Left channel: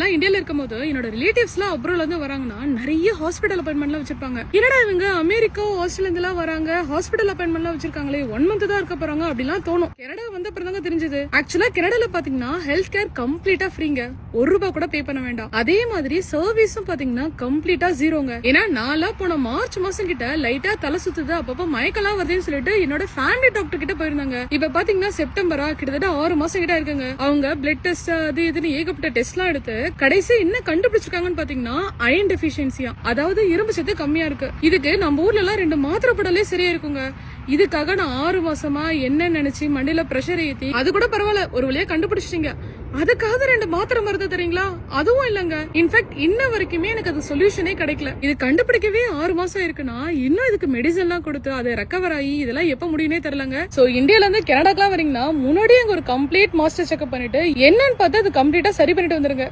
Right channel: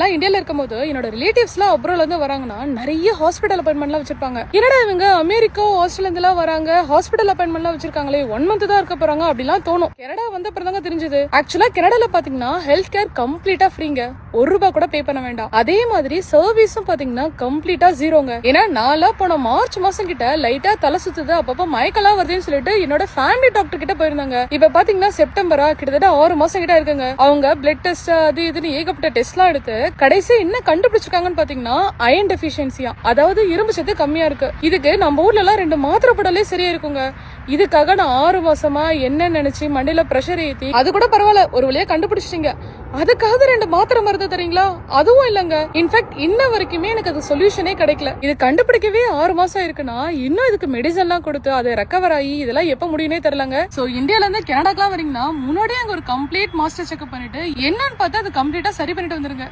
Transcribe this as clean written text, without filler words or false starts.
நான் இந்தியால இருக்கும்போது என்னோட ரிலேட்டிவ்ஸ் எல்லாம் அப்ராட்ல இருந்து வராங்கன்னா நிறைய ஹாஸ்பிட்டல் அப்பாயின்மெண்ட் எல்லாம் வச்சிருப்பாங்க. என்னடா இவங்க அமெரிக்கா ஆஸ்திரேலியா இருந்து எல்லாம் வராங்க, ஹாஸ்பிட்டல் அப்பாயின்மெண்ட் எல்லாம் வச்சிருக்காங்களே, 1 month தான் இருக்க போறாங்க அப்படிலாம் தோணும். கனடா வந்த அப்புறம் தான் தெரிஞ்சது ஆக்சுவலா கனடால பாத்தீங்கன்னா ஹெல்த் கேர் கம்ப்ளீட்டா ஃப்ரீங்க, ₹1 கூட பே பண்ண வேண்டாம். அதே மாதிரி சர்வீஸும் பாத்தீங்கன்னா கம்ப்ளீட்டா ஜீரோங்க. ஏன்னா நாளா போன மார்ச் மாசம் கிட்ட லைட்டா தலை சுத்துது, அப்பப்ப மயக்கலாம் வருதுன்னு சொல்லிட்டு என்னோட ஃபேமிலி டாக்டர் கிட்ட போயிருந்தாங்க. இப்ப பாத்தீங்கன்னா செப்டம்பரா கிட்டத்தட்ட 6 மாசம் கிட்ட இருக்குங்க. அவங்க பிளட் டெஸ்ட் அது இதுன்னு ஏகப்பட்ட டெஸ்ட் எல்லாம் எடுத்து கடைசி என்ன கண்டுபிடிச்சிருக்காங்கன்னு பாத்தீங்கன்னா அயன் டெஃபிஷியன்சியா, அதாவது இரும்பு சத்து கம்மியா இருக்கு. இதுக்கு நம்ம ஊர்ல எல்லாம் 2 மாத்திரை போடலே சரியா இருக்குங்க. இதுக்காக நான் 6 மாசமா என்ன நினைச்சு மண்டையில பிரஷர் ஏத்தி, அது கூட பரவாயில்ல ஒரு வழியா கண்டுபிடிச்சிட்டீங்க, அதுக்காக 2 மாத்திரை மருந்து தரீங்களா? அதுவும் இல்லங்க. இன்ஃபேக்ட் இன்ன வரைக்குமே எனக்கு அது சொல்யூஷனே கிடைக்கல. இது கண்டுபிடிக்கவே 6 மாசம் இருக்குன்னா இன்னும் இதுக்கு மெடிசன் எல்லாம் கொடுத்து அதை ரெக்கவர் ஆகி இதெல்லாம் எப்ப முடியும்னே தெரியலங்க. சோ இந்தியால இருந்து கனடாக்கெல்லாம் வரீங்கன்னா முன்னாடியே அங்க ஒரு கம்ப்ளீட் மாஸ்டர் செக்அப் பண்ணிட்டு என்னன்னு பார்த்து அது கம்ப்ளீட்டா சரி பண்ணிட்டு வந்துருங்க.